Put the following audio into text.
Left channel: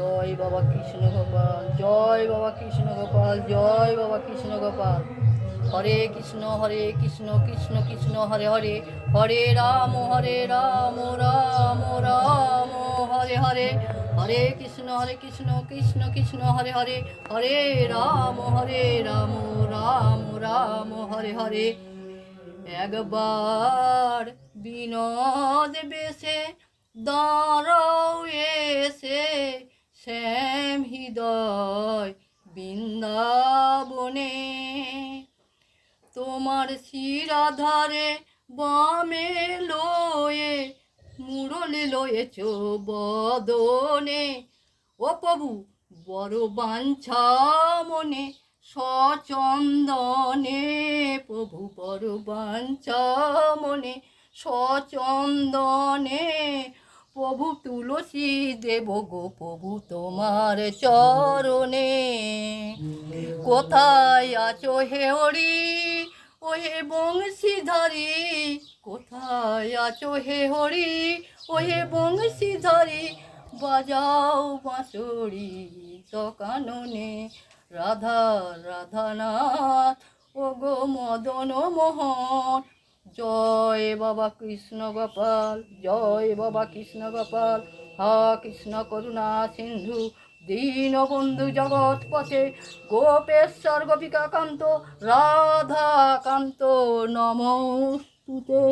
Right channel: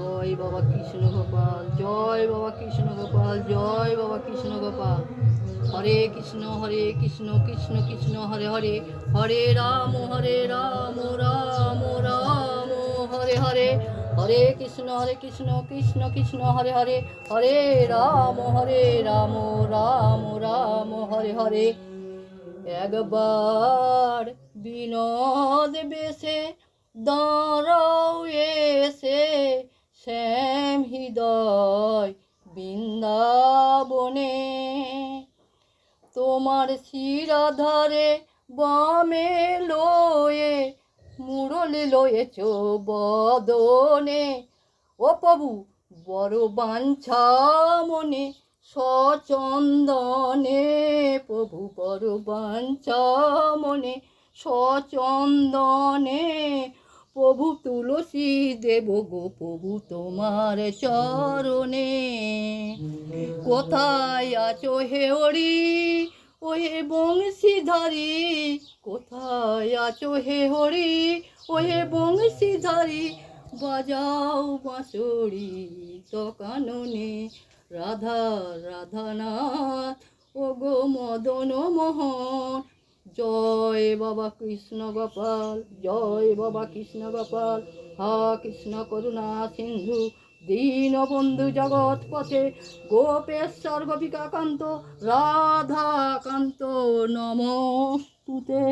জয় বাবা কৃষ্ণ গোপাল, জয় বাবা কৃষ্ণ গোপাল, জয় বাবা কৃষ্ণ গোপাল। হরে কৃষ্ণ কৃষ্ণ কৃষ্ণ হরে হরে, হরে রাম রাম রাম হরে হরে, হরে কৃষ্ণ কৃষ্ণ কৃষ্ণ হরে হরে, হরে রাম রাম রাম হরে হরে। একবার বিনোদ বেশে দাঁড়াও এসে শ্যাম হৃদয় বৃন্দাবনে, তোমার শিরাধারে বামে লয়ে মুরলি লয়েছ বদনে। ও প্রভু বড় বাঞ্ছা মনে সচন্দনে, প্রভু বড় বাঞ্ছা মনে সচন্দনে। প্রভু তুলসী দেব গো প্রভু তোমার চরণে। কোথায় আছো হে হরি ওই বংশীধারী, কোথায় আছো হে হরি ওই বংশীধারী, বাজাও বাঁশরি কাননে। রাধা রাধানাথ ও গো মদন মোহন, জয় বাবা কৃষ্ণ গোপাল, জয় বাবা কৃষ্ণ গোপাল। হা কৃষ্ণ করুণা সিন্ধু দীনবন্ধু জগৎপথে, গোপেশ্বর গোপিকাকান্ত রাধাকান্ত নমস্তুতে।